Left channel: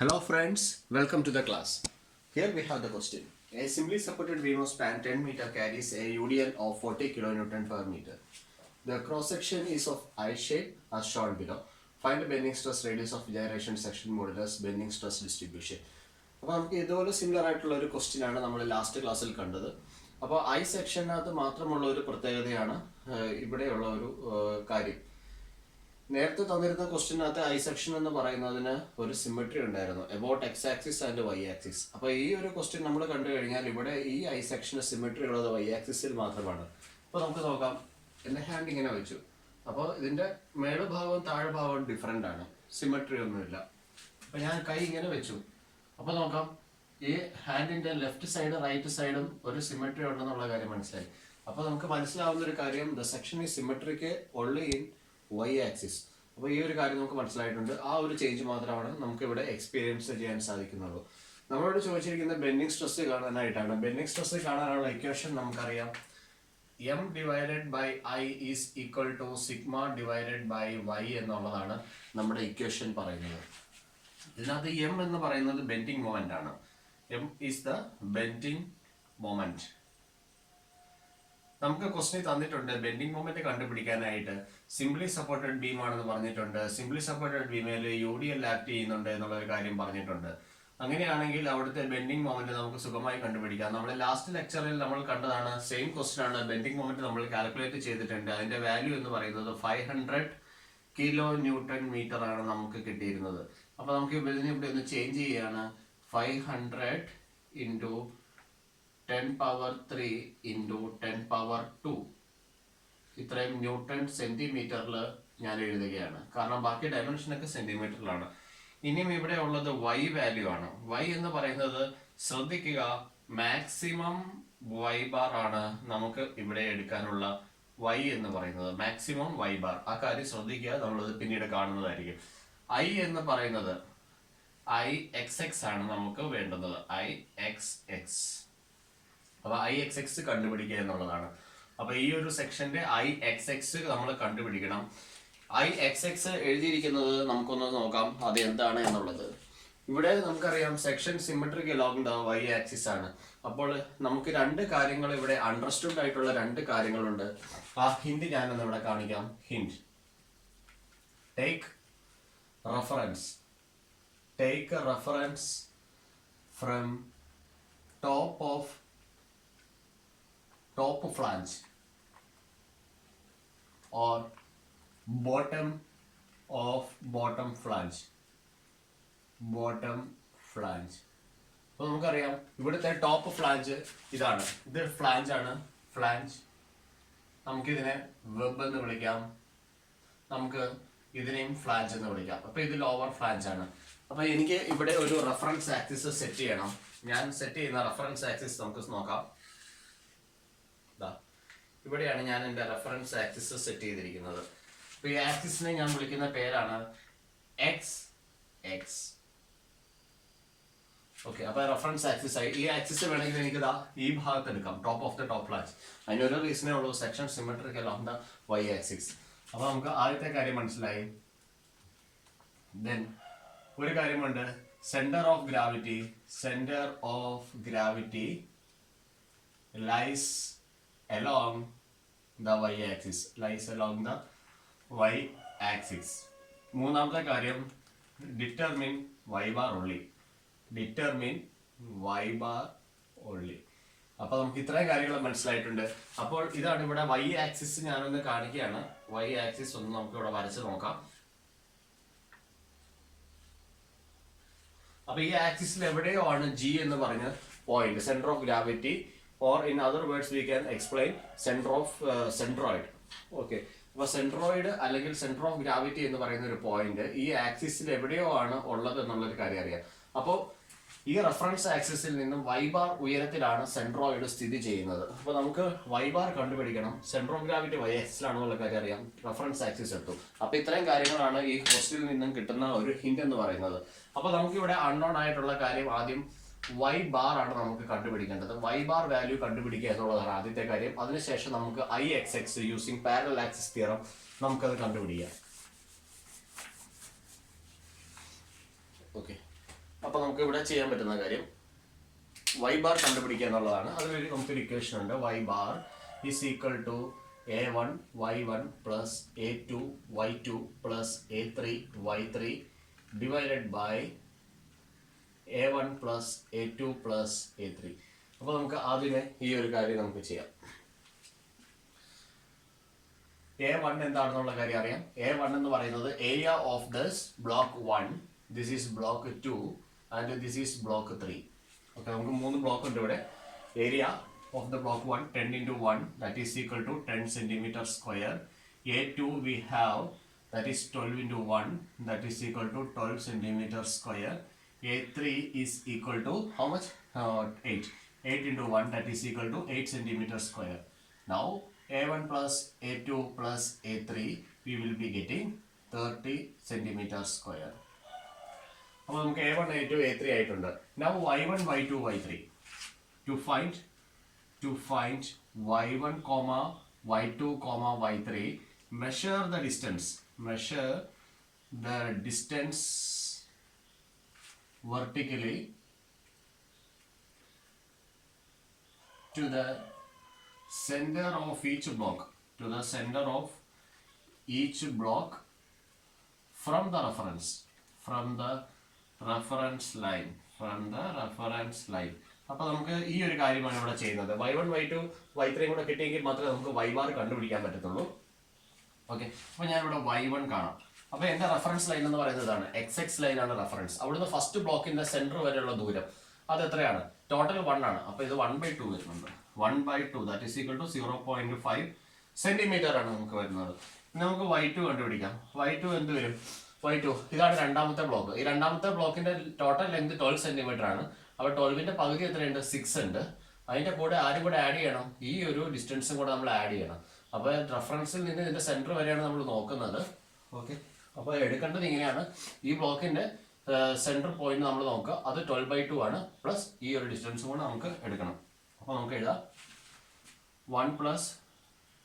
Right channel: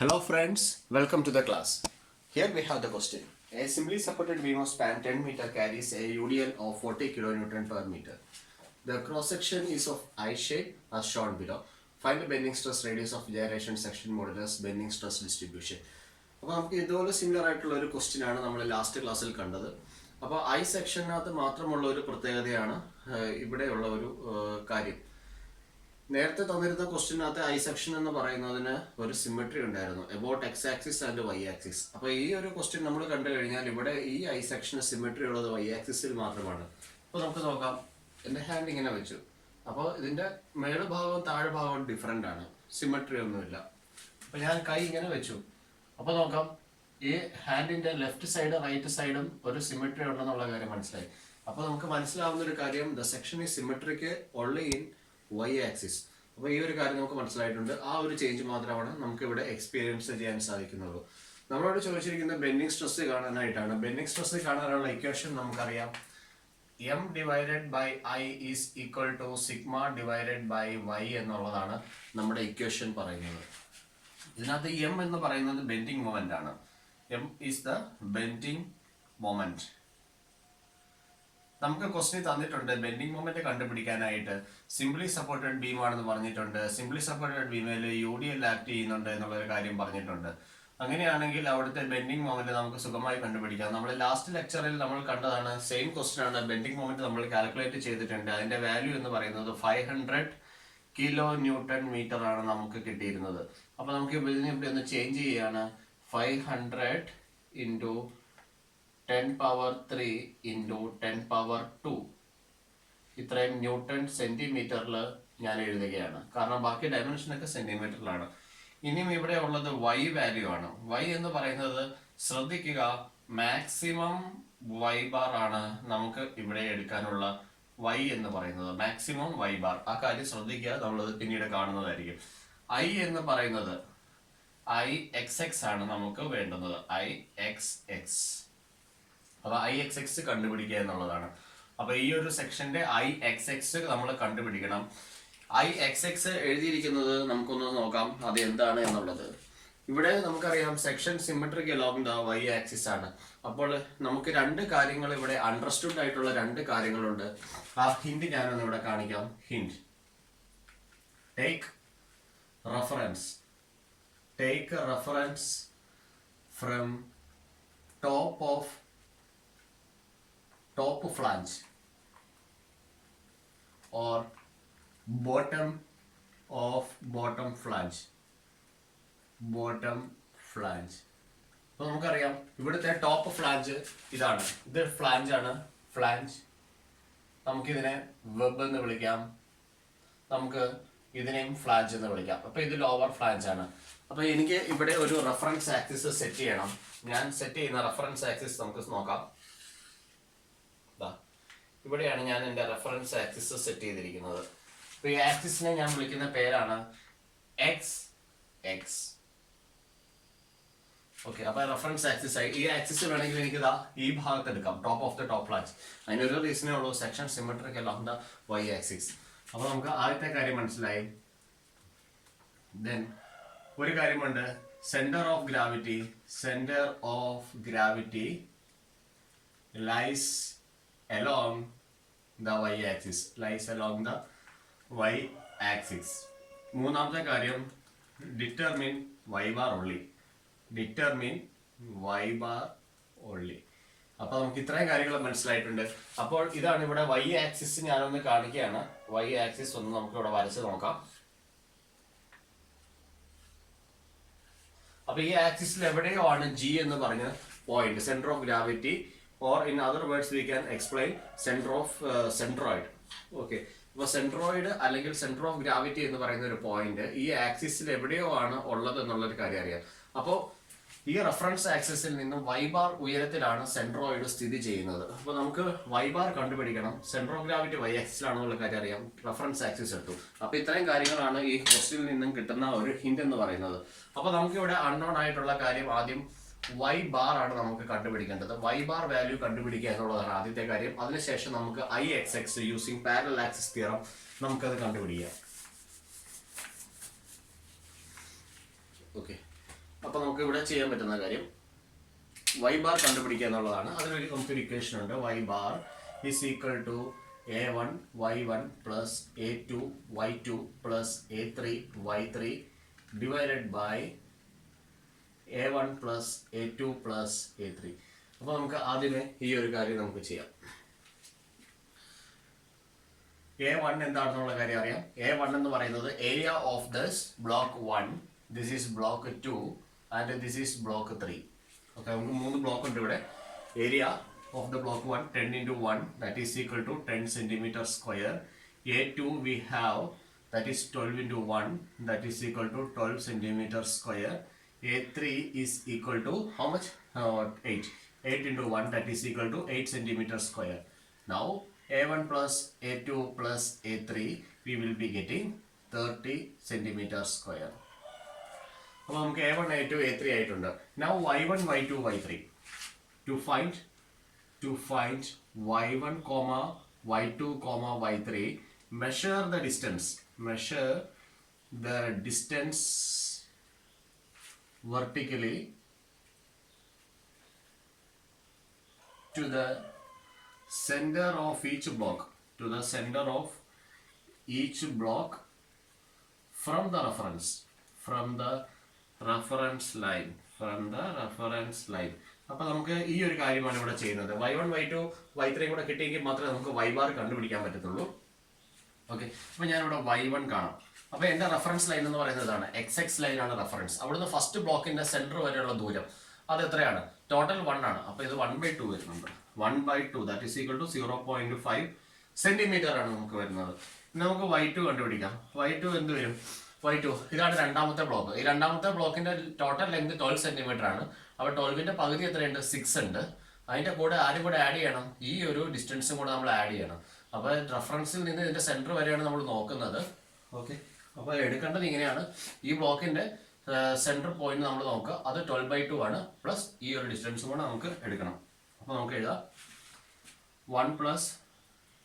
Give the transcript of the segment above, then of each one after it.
Hello friends, welcome to the class. Here we have the question. A simply supported beam of span 10 meter carries a UDL of 40 kN per meter. The cross section is of I shape as shown below. Find the bending stress radius of gyration section modulus bending stress distribution. അപ്പോൾ നമുക്ക് ഇതുപോലെ similar ആയിട്ടുള്ള ഒരു question ആണ് നമ്മൾ last ക്ലാസ്സിൽ കണ്ടത്. അപ്പോൾ ഐ സെക്ഷനകത്ത് മാത്രമുള്ള ഒരു പ്രത്യേകതയാണ് ഇവിടെയുള്ള ഒരു കാര്യം. നേരത്തെ തന്നിരുന്ന ക്വസ്റ്റ്യനകത്ത് ഐ സെക്ഷൻ എന്ന് പറയുന്നതിന് ഒരു സിമെട്രി ഉണ്ടായിരുന്നു about X axis and Y axis. അപ്പോൾ ഈ ഒരു ക്വസ്റ്റ്യൻ നമ്മൾ കണ്ടു കഴിഞ്ഞാൽ ഇവിടെ ഈ ഐ സെക്ഷന് സിമെട്രി ഉള്ളത് വൈ ആക്സിസിൽ മാത്രമാണ്. അപ്പോൾ നമുക്ക് നോക്കാം. എൻ്റെ ഹാൻഡ് ഇങ്ങനെ വെച്ചു. അപ്പോൾ ഇതിൻ്റെ മേളുഭാഗവും താഴെ ഭാഗവും ഡിഫറെൻ്റ് ആണ്, സിമെട്രി ഒന്നുമില്ല. അപ്പോൾ ഞാൻ കൈ ഇങ്ങനെ വെച്ചു. അപ്പോൾ നോക്കാം, ഈ ഹാൻഡിൻ്റെ ലെഫ്റ്റ് സൈഡ് റൈറ്റ് സൈഡും ഒരു സിമെട്രി ഉണ്ടെന്നുള്ള കാര്യം മനസ്സിലായി. അപ്പോൾ നമുക്ക് മനസ്സിലാവുന്ന ഒരു കാര്യം, ദ സെക്ഷൻ ഈ സിമെട്രിക്ക് ഓൺലി ഇൻ വൈ ആക്സിസ്. അപ്പോൾ ഈ ഒരു കാര്യം നമുക്ക് മനസ്സിലായിട്ടുണ്ട്. ആ ഒരു ചേഞ്ച് മാത്രമാണ് നമുക്ക് ഇവിടെ എക്സ്പീരിയൻസ് ചെയ്യാൻ സാധിക്കുന്നുള്ളൂ. നമ്മളോട് ചോദിച്ചിരിക്കുന്നത് ബെൻഡിങ് സ്ട്രെസ് കാണാനായിട്ടാണ്. ബെൻഡിങ് സ്ട്രെസ് കാണാനുള്ള ഇക്വേഷൻ നമുക്കറിയാം. M divided by I is equal to sigma divided by y എന്നുള്ളതാണ് നമ്മുടെ ഇക്വേഷൻ പറയുന്നത്. ഇതിനകത്ത് എം എന്ന് പറയുന്നത് ബെൻഡിങ് മൊമെന്റ് ആണ്. M is the bending moment. നമുക്ക് ക്വസ്റ്റ്യൻ തന്നിട്ടുണ്ട് ബെൻഡിങ് മൊമെന്റ് കണ്ടുപിടിക്കാനായിട്ട്. സിംപ്ലി സപ്പോർട്ടഡ് ബീം ആണെന്ന് പറഞ്ഞിട്ടുണ്ട്. സിംപ്ലി സപ്പോർട്ടഡ് ബീമിൽ UDL ആക്ട് ചെയ്യുന്നുണ്ട് എന്നുള്ളൊരു കാര്യം പറഞ്ഞിട്ടുണ്ട്. അങ്ങനെയാണെങ്കിൽ അവിടുത്തെ ബെൻഡിങ് മൊമെന്റ് നമുക്ക് സുഖമായി കണ്ടുപിടിക്കാം. നമ്മൾ ലാസ്റ്റ് ലെക്ചറിൽ നമ്മൾ കണ്ടതാണ്, സെയിം ക്വസ്റ്റ്യൻ ആണ്. ബെൻഡിങ് മൊമെന്റ് നമ്മൾ കാൽക്കുലേറ്റ് ചെയ്തിട്ടുണ്ട്. അതിന്റെ വാല്യൂ എന്ന് പറയുന്നത് 500 kN ആണ് നമുക്ക് കിട്ടിയിരുന്നത്. അപ്പോൾ നമുക്ക് ഇതിനെ ഇവിടെ ഒന്ന് ചേഞ്ച് ചെയ്യാണ്. 500 ഇൻറ്റു 10⁻³ ഇൻറ്റു 10⁻². ഇത്രയും ന്യൂട്ടൺ സെന്റിമീറ്ററിൽ ഞാൻ എഴുതുകയാണ്, കാരണം ബാക്കി ഡയമെൻഷനൊക്കെ സെന്റിമീറ്ററിലാണ്. ഇനിയും ഇവിടെ ഉള്ളത് വൈ വാല്യൂ ആണ്. വൈ എന്ന് പറയുന്നത് ശ്രദ്ധിക്കുക, മാക്സിമം വൈ ബാർ ആണ് നമുക്ക് ഇവിടെ എടുക്കാനുള്ള വൈ എന്ന് പറയുന്നത്. മാക്സിമം വൈ ബാർ, ആ കാര്യം ശ്രദ്ധിക്കുക, നമ്മളത് പിന്നീട് കാണുന്നതായിരിക്കും. ഐ എന്ന് പറയുന്നത് IXX ആണ് നമുക്ക് വേണ്ടുന്നത്. IXX. അപ്പോൾ IXX കണ്ടുപിടിക്കുക എന്നുള്ളതാണ്. അപ്പോൾ ഈ ഒരു സെക്ഷന്റെ IXX നമ്മൾ കണ്ടുപിടിക്കണം. IXX എഴുതിയിരിക്കുന്നത് നമുക്കൊന്ന് നോക്കാം അത് എന്താണ് എന്നുള്ളത്. ഇവിടെ നമുക്കറിയാം section symmetric along the Y axis ആണ്. അപ്പോൾ നമുക്ക് രണ്ട് കാര്യങ്ങൾ ഇവിടെ അണ്ടർസ്റ്റുഡ് ആയിട്ടുള്ള രണ്ട് കാര്യങ്ങളുണ്ട്. ആ ഹിന്റ് ഞാനൊന്ന് ഇവിടെ കാണിക്കാം. Hint: take reference from top flange or bottom flange. അപ്പോൾ നമുക്കറിയാം ഇവിടുത്തെ ടോപ്പ് ഫ്ലാഞ്ച് ഇതാണ്. ഇത് ഫ്ലാഞ്ച് ആണ്. ഫ്ലാഞ്ച് നമുക്കിതിനെ വെബ് എന്ന് വിളിക്കാം, നമുക്ക് ഇതിനെയും ഫ്ലാഞ്ച് എന്ന് വിളിക്കാം. അപ്പോൾ ഇത് ലോവർ ഫ്ലാഞ്ച് ആണ്. അപ്പോൾ എനിക്ക് ഇവിടെ ഒരു റെഫറൻസ് ആക്സിസ് സെറ്റ് ചെയ്യണം. ഞാൻ സെറ്റ് ചെയ്യുന്ന റെഫറൻസ് ആക്സിസ് നമുക്ക് നോക്കാം. ഇവിടെയാണ് ഞാൻ എൻ്റെ റെഫറൻസ് ആക്സിസ് സെറ്റ് ചെയ്തിരിക്കുന്നത്. അപ്പോൾ ഈ ആക്സിസിനെ ഞാൻ വിളിക്കുന്ന പേരാണ് XX. ഓക്കെ, അപ്പോൾ റെഫറൻസ് ആക്സിസ് ആയി. ഈ ആക്സിസ് വേണമെങ്കിൽ എനിക്ക് ഈ ഭാഗത്ത് എടുക്കാം, top of the top flange. അതിനൊരു റീസണേ ഉള്ളൂ, section symmetric along the Y axis. അപ്പോൾ നമുക്ക് ആദ്യത്തെ കാര്യം മനസ്സിലായി. ദെൻ ഒരു കാര്യമുണ്ട്, centre of gravity lies along the y axis. മൂന്നാമത്തെ കാര്യം, ഡിറ്റർമിൻ y bar only. അപ്പോൾ നമുക്ക് ഇത്രയും കാര്യങ്ങൾ മനസ്സിലായിട്ടുണ്ട്. അപ്പോൾ ഇതാണ് ഇവിടെ y ആക്സിസ്. ഞാനൊന്ന് കാണിക്കുകയാണ്. y ആക്സിസ് ഒന്ന് നമുക്ക് ഇവിടെ വരച്ച് നോക്കാം. അപ്പോൾ ഈ ആക്സിസിൽ എവിടെയോ ആണ് G എന്ന് പറഞ്ഞ point, centre of gravity, or in other words we can explain center of centroid. Okay, അപ്പോൾ സെൻട്രോയിഡ് അല്ലെങ്കിൽ സെന്റർ ഓഫ് ഗ്രാവിറ്റി എന്ന് പറയുന്ന ഒരു പോയിന്റ് ഈ ആക്സിസിൽ എവിടെയോ ആണ് ഉള്ളത് എന്നുള്ളൊരു കാര്യം അറിയാം. അപ്പോൾ ഈ റെഫറൻസ് ആക്സിസിൽ നിന്നും y ബാർ ഉയരത്തിലാണ് സെൻട്രോയിഡ് സ്ഥിതി ചെയ്യുന്നത്. അപ്പോൾ നമുക്ക് y ബാർ കണ്ടുപിടിക്കണം. സെന്റർ ഓഫ് ഗ്രാവിറ്റി y ആക്സിസിലാണെന്നുള്ള കാര്യം അറിയാം. റെഫറൻസ് ആക്സിസ് എടുത്തു. അപ്പോൾ ഇത്രയും കാര്യങ്ങളാണ് ഈ ക്വസ്റ്റ്യനിൽ നിന്നും കിട്ടുന്ന ഒരു ഹിന്റ് എന്ന് പറയുന്നത്. അപ്പോൾ നമുക്ക് ഇവിടെ അൺനോൺ ആയിട്ടുള്ള കാര്യം ആദ്യം y ബാർ ആണ് നമുക്ക് കണ്ടുപിടിക്കേണ്ടത്. y ബാർ വാല്യൂ കണ്ടുപിടിക്കുക എന്നുള്ളതാണ് ആദ്യത്തെ കാര്യം. അതിനുശേഷം നമുക്ക് IXX using parallel axis theorem നമുക്കത് കണ്ടുപിടിക്കാം. ഓക്കെ, അപ്പോൾ നമുക്ക് ഇവിടെ ചെയ്യാൻ പറ്റുന്ന കാര്യം y bar കണ്ടുപിടിക്കുക എന്നുള്ളതാണ്. അതിനുവേണ്ടി നമുക്കൊരു ഇക്വേഷൻ ഉണ്ട്. y bar is equal to a1 y1 plus a2 y2 plus a3 y3 divided by a1 plus a2 plus a3. അപ്പോൾ നമുക്ക് ആദ്യമേ ഈ ഒരു കാര്യം നമുക്ക് ചെയ്യാം. a1 എന്താണെന്നുള്ള കാര്യം അറിയാം. a1 എന്ന് പറയുന്നത് area of this block 1, this is block 2 and this is block 3. Okay, നമുക്ക് 3 ബ്ലോക്ക് ഉണ്ട് ഇവിടെ. Area of the block 1 10 into 1 that is equal to 10 centimeter square. A2 we have that is 12 into 1 that is equal to 12 centimeter square. A3 is equal to how much? 8 into 1 that is equal to 8 centimeter square. Now A1 plus A2 plus A3 we will be getting 30 centimeter square. അപ്പോൾ നമുക്ക് A1 A2 A3 ആയിട്ടുണ്ട്. Now Y1 Y2 Y3 to find y1 comma y2 comma y3, measure the distance vertically to the center of each block from the reference line. അപ്പോൾ നമുക്ക് ഈ ഒരു കാര്യമാണ് ഇവിടെ ചെയ്യുന്നത്. y1 y2 y3 കൂടെ കിട്ടിയെങ്കിൽ മാത്രമേ നമുക്ക് y ബാർ കണ്ടുപിടിക്കാൻ പറ്റത്തുള്ളൂ. ഓക്കെ, അപ്പോൾ ഞാനിവിടെ y1 കാണാം. അപ്പോൾ എൻ്റെ റെഫറൻസ് ലൈൻ എന്ന് പറയുന്നതാണ് xx ലൈനാണ് റെഫറൻസ്. അവിടുന്ന് ഫസ്റ്റ് ബ്ലോക്കിന്റെ സെന്റർ വരെയുള്ള ദൂരം അത് എത്രയാണ്? ടോട്ടൽ 1 ആണ്. അപ്പോൾ ഇത് 1/2 വരുന്നുണ്ട്. 1/2 that is equal to 0.5 centimetre ആണ് നമുക്ക് വരുന്നത്. നമുക്ക് y2 കണ്ടുപിടിക്കാം. y2 എന്ത് വരും? y2 ഇതാണ് രണ്ടാമത്തെ ബ്ലോക്ക്. ഈ രണ്ടാമത്തെ ബ്ലോക്കിന്റെ ടോട്ടൽ ലെങ്ത് 12 സെന്റിമീറ്റർ ആണ്. അപ്പോൾ 12ന്റെ പകുതി എത്രയുണ്ട്? 6 ഉണ്ട്. അതിന്റെ കൂടെ ആരും കൂടെ ആഡ് ചെയ്യണം? ഈ ഒരു ഡിസ്റ്റൻസും കൂടെ നമ്മൾ ആഡ് ചെയ്യണം. അപ്പോൾ റെഫറൻസിൽ നിന്ന് ഇതിന്റെ സെന്റർ വരെയാണ് നമ്മൾ നോക്കുന്നത്. ഓക്കെ, അപ്പോൾ എടുക്കേണ്ടത് ഇങ്ങനെയാണ്. ഈ ബ്ലോക്കിന്റെ സെന്റർ പോയിന്റ് നമ്മൾ നോക്കുക. അത് 12/2 ആണ്. പ്ലസ് ഈ ഒരു ഡിസ്റ്റൻസും കൂടെ നമുക്ക് എടുക്കണം. അപ്പോൾ നമുക്ക് എഴുതാം 1 plus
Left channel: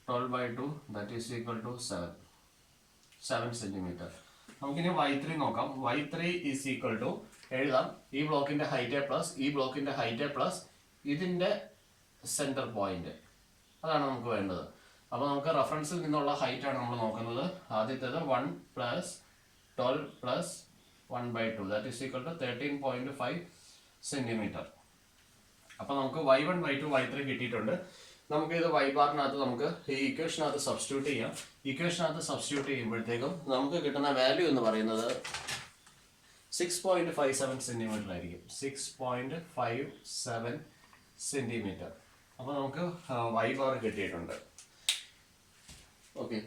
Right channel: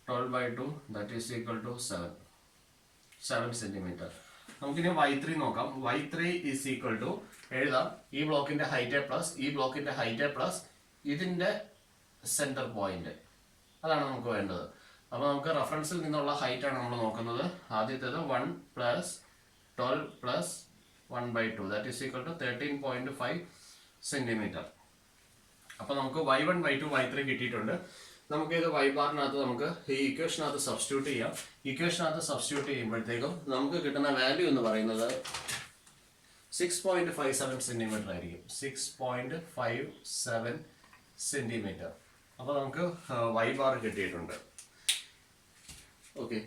12/2 that is equal to 7 centimetre. നമുക്കിനി y3 നോക്കാം. y3 is equal to എഴുതാം ഈ ബ്ലോക്കിന്റെ ഹൈറ്റ് പ്ലസ് ഈ ബ്ലോക്കിന്റെ ഹൈറ്റ് പ്ലസ് ഇതിന്റെ സെന്റർ പോയിന്റ്. അതാണ് നമുക്ക് വേണ്ടത്. അപ്പോൾ നമുക്ക് റെഫറൻസിൽ നിന്നുള്ള ഹൈറ്റ് ആണ് നമ്മൾ നോക്കുന്നത്. ആദ്യത്തേത് 1 plus 12 plus 1/2 that is equal to 13.5 centimetre. അപ്പോൾ നമുക്ക് y1 y2 y3 കിട്ടിയിട്ടുണ്ട്. നമുക്ക് ഇത് y ബാറിനകത്ത് നമുക്ക് ഈ ഇക്വേഷനകത്ത് സബ്സ്റ്റിറ്റ്യൂട്ട് ചെയ്യാം. ഇക്വേഷനകത്ത് സബ്സ്റ്റിറ്റ്യൂട്ട് ചെയ്യുമ്പോഴത്തേക്കും നമുക്ക് കിട്ടുന്ന വാല്യൂ എന്ന് പറയുന്നത് 6.57 സെന്റിമീറ്റർ ആയിരിക്കും. 6.57 സെന്റിമീറ്റർ. അപ്പോൾ നമുക്ക് y ബാർ കിട്ടിയിട്ടുണ്ട്. ഓക്കെ,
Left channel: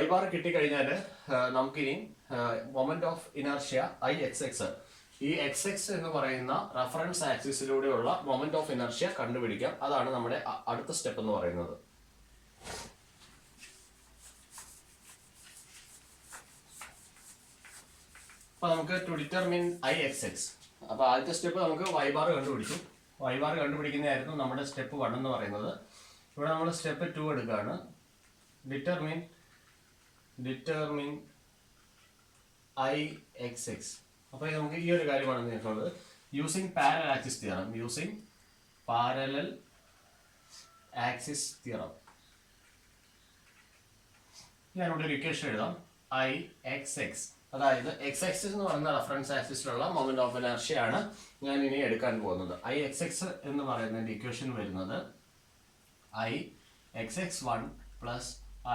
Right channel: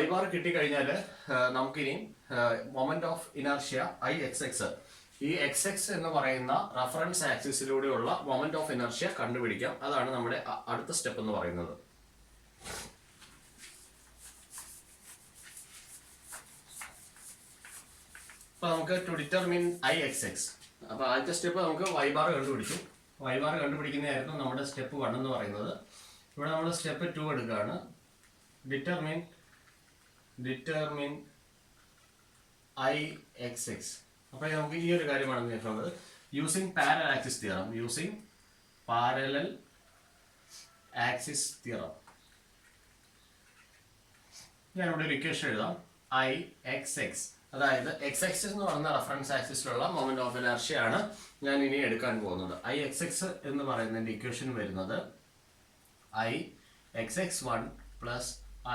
y ബാർ കിട്ടിക്കഴിഞ്ഞാൽ നമുക്കിനി മൊമെന്റ് ഓഫ് ഇനർഷ്യ IXX, ഈ XX എന്ന് പറയുന്ന റെഫറൻസ് ആക്സിസിലൂടെയുള്ള മൊമെന്റ് ഓഫ് ഇനർഷ്യ കണ്ടുപിടിക്കാം. അതാണ് നമ്മുടെ അടുത്ത സ്റ്റെപ്പ് എന്ന് പറയുന്നത്. അപ്പോൾ നമുക്ക് ടു ഡിറ്റർമിൻ IXX. അപ്പോൾ ആദ്യത്തെ സ്റ്റെപ്പ് നമുക്ക് y ബാർ കണ്ടുപിടിച്ചു. y ബാർ കണ്ടുപിടിക്കുന്നതായിരുന്നു നമ്മുടെ സ്റ്റെപ്പ് 1 എന്ന് പറയുന്നത്. ഇവിടെ നമ്മൾ സ്റ്റെപ്പ് 2 എടുക്കുകയാണ്. Determine IXX. അപ്പോൾ നമുക്ക് ഈ ഒരു കാര്യമാണ് നോക്കുന്നത്. Using parallel axis theorem. ഞാനിവിടെ ഒരു ഇക്വേഷൻ എഴുതാം. IXX, അതായത് XX എന്ന് പറയുന്ന റെഫറൻസ് ആക്സിസിലുള്ള മൊമെന്റ് ഓഫ് ഇനർഷ്യ ആണ് ഞാൻ ഇനി എടുക്കാൻ പോകുന്നത്. IXX എന്ന് പറയുന്നതിന്റെ ഇക്വേഷൻ വരുന്നത് IXX1 plus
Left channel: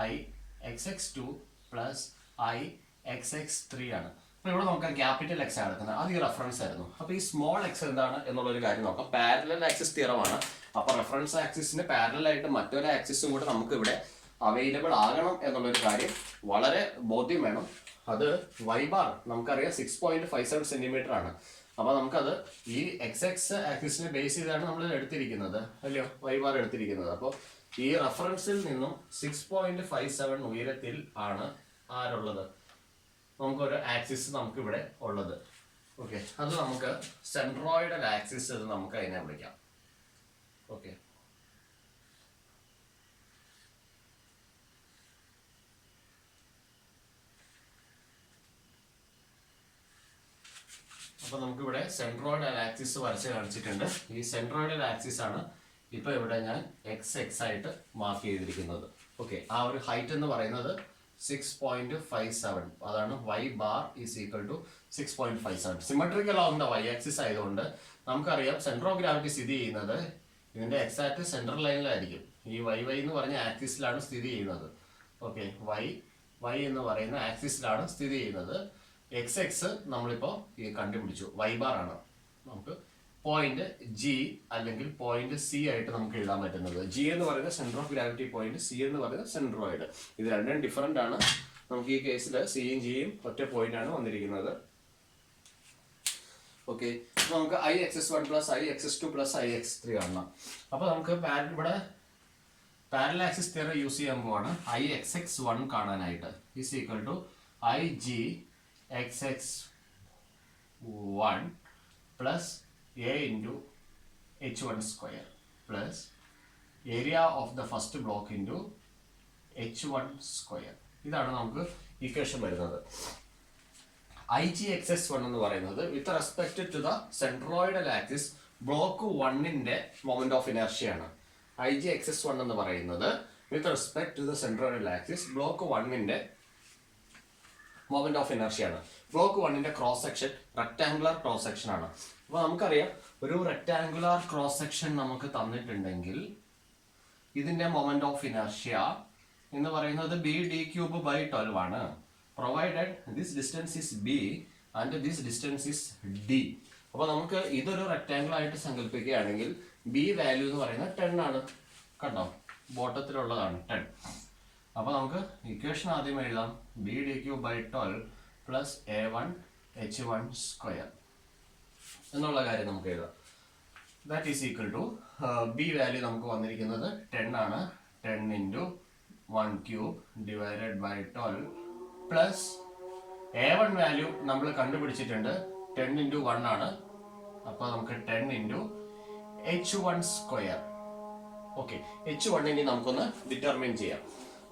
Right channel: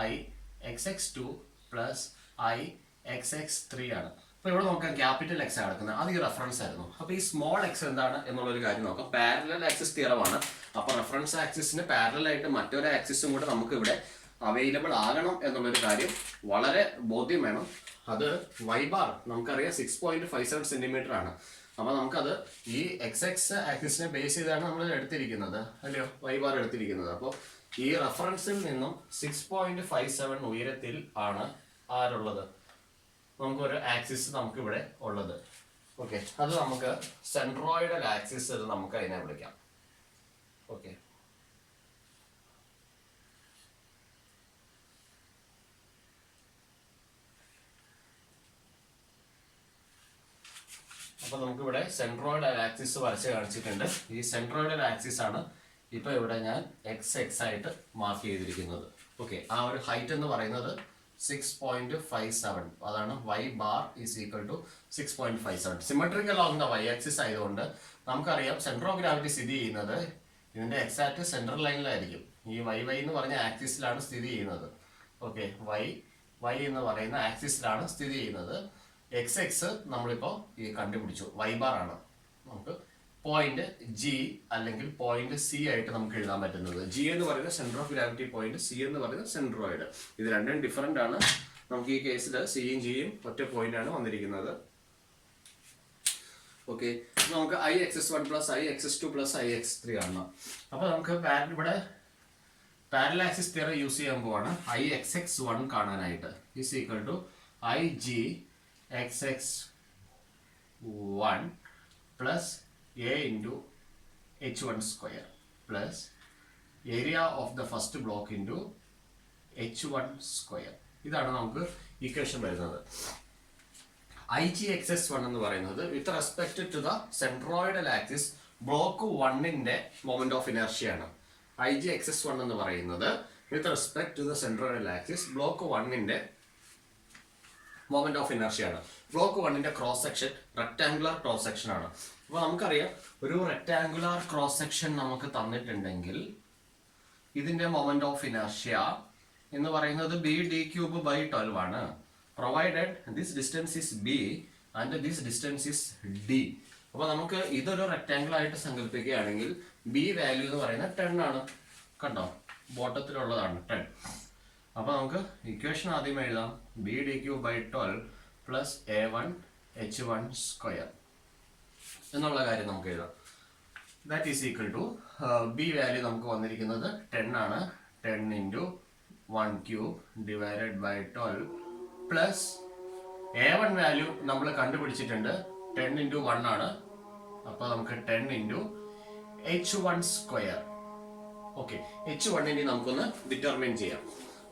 IXX2 plus IXX3 ആണ്. അപ്പോൾ ഇവിടെ നോക്കാം ക്യാപിറ്റൽ എക്സ് ആണ് എടുക്കുന്നത്. അത് ഈ റെഫറൻസ് ആയിരുന്നു. അപ്പോൾ ഈ സ്മോൾ എക്സ് എന്താണ് എന്നുള്ളൊരു കാര്യം നോക്കാം. പാരലൽ ആക്സിസ് തിയറമാണ്. അപ്പോൾ റെഫറൻസ് ആക്സിസിന് പാരലൽ ആയിട്ട് മറ്റൊരു ആക്സിസും കൂടെ നമുക്ക് ഇവിടെ അവൈലബിൾ ആകണം എന്നുള്ളൊരു കാര്യം വളരെ ബോധ്യം വേണം. അത് y ബാർ നമുക്കറിയാം 6.57 സെന്റിമീറ്റർ ആണ്. അപ്പോൾ നമുക്കത് ഈ XX ആക്സിസിനെ ബേസ് ചെയ്താണ് നമ്മൾ എടുത്തിരിക്കുന്നത്, അല്ലയോ y ബാർ എടുത്തിരിക്കുന്നത്. അപ്പോൾ ഈ റെഫറൻസിൽ നിന്നും 6.57 ഉയരത്തിൽ ആണ് ആരുള്ളത്? നമുക്കൊരു ആക്സിസ് നമുക്ക് ഇവിടെ ഉള്ളത്. ഓക്കെ, അത് നമുക്ക് സെൻട്രോയിഡൽ ആക്സിസ് എന്ന് നമുക്ക് അതിനെ വിളിക്കാം. ഓക്കെ, അപ്പോൾ നമുക്ക് ഇവിടെ സെൻട്രോയിഡ് ആക്സിസ് വരച്ച് കാണിച്ചിട്ടുണ്ട്. ഈ സെൻട്രോയിഡ് ആക്സിസ് ആണ് ഇപ്പോൾ ഇവിടെ ഞാൻ എക്സ് ആയിട്ട് മാർക്ക് ചെയ്തിരിക്കുന്നത്. ഓക്കെ, ആ ഒരു ഹൈറ്റ് എന്ന് പറയുന്നത് 6.57, അതാണ് y bar is equal to 6.57. Symmetrical on the y axis ആയതുകൊണ്ട് നമുക്കറിയാം സെൻട്രോ ഗ്രാവിറ്റി സ്ഥിതി ചെയ്യുന്നത് ഇതിന്റെ എക്സാക്ട് സെൻട്രൽ ലൈനിലായിരിക്കും. ഈ y എന്ന് പറഞ്ഞ ആക്സിസിലാണ് സ്ഥിതി ചെയ്യുന്നത്. ഓക്കെ, y എന്ന് പറയുന്ന ആക്സിസിലാണ് സ്ഥിതി ചെയ്യുന്നത്. എക്സ് നമ്മളിപ്പോൾ ഈ കണ്ടുപിടിച്ചു, y bar ആണ്. നമുക്ക് പോയിന്റ് ജി അല്ലെങ്കിൽ പോയിന്റ് സി ആയിട്ട് നമുക്ക് എഴുതാൻ പറ്റുന്നത്. ജി എന്ന് പറയുന്നത് centre of gravity point, C എന്ന് പറയുന്നത് സെൻട്രോയിഡ്. ഇത് രണ്ടും ഡിഫറെന്റ് ആണ്. നമുക്ക് ഈ കേസിൽ സിയും ജിയും ഒറ്റ പോയിന്റ് ആണ് വന്നിരിക്കുന്നത്. ഓക്കെ, നമുക്ക് IX1 plus IX2 plus IX3 കാണണം. അപ്പോൾ നമുക്ക് ഇവിടെ പാരലൽ ആക്സിസ് തിയറം യൂസ് ചെയ്യാൻ പോവാണ്. IXX1 കാണാനായിട്ട് is equal to IGXX1 plus A into H1 square plus area of the first block into H1 square. ഇതാണ് നമുക്ക് ഇക്വേഷൻ വരുന്നത്. IGXS1 എന്ന് പറയുന്നത് with respect to the centroidal axis block 1ന്റെ moment of inertia ആണ്. IGXS1 എന്ന് പറയുന്നത് with respect to the centroidal axis block 1ന്റെ മൊമെന്റ് ഓഫ് ഇനർഷ്യ ആണ്. ബ്ലോക്ക് 1ന്റെ cross section rectangular cross section ആണ്. അപ്പോൾ നമുക്കറിയാം ഒരു റെക്ടാങ്കുലർ ക്രോസ് സെക്ഷൻ നമുക്ക് തന്നിട്ടുണ്ടെങ്കിൽ ഇതിന്റെ മൊമെന്റ് ഓഫ് ഇനർഷ്യ എന്ന് പറയുന്നത് BD³/12 ആണ്. Provided this distance is B and this distance is D. അപ്പോൾ നമുക്ക് ഇതൊരു റെക്ടാങ്കിൾ ആയിട്ട് സങ്കല്പിക്കുകയാണെങ്കിൽ B വാല്യൂ എന്ന് പറയുന്നത് 10 ആണ്. കണ്ടോ, ബോട്ടത്തിലുള്ളതാണ് 10. അപ്പോൾ നമുക്ക് ഇക്വേഷൻ ആദ്യം എഴുതാം. BD³/12 plus A1 H1 square എന്നുള്ള കാര്യം നമുക്ക് എഴുതാം. That is equal to B value നമുക്ക് വന്നിരിക്കുന്നത് 10 ആണ്. 10 into 1³ divided by 12 plus A1 value നമ്മൾ കണ്ടുപിടിച്ചിട്ടുണ്ട് 10 ഇൻറ്റു 1 ആണ്. അപ്പോൾ നമുക്ക് 10 into H1 square. Okay, H1 ഇനി നമുക്കൊന്ന് ഡിറ്റർമിൻ ചെയ്യാം.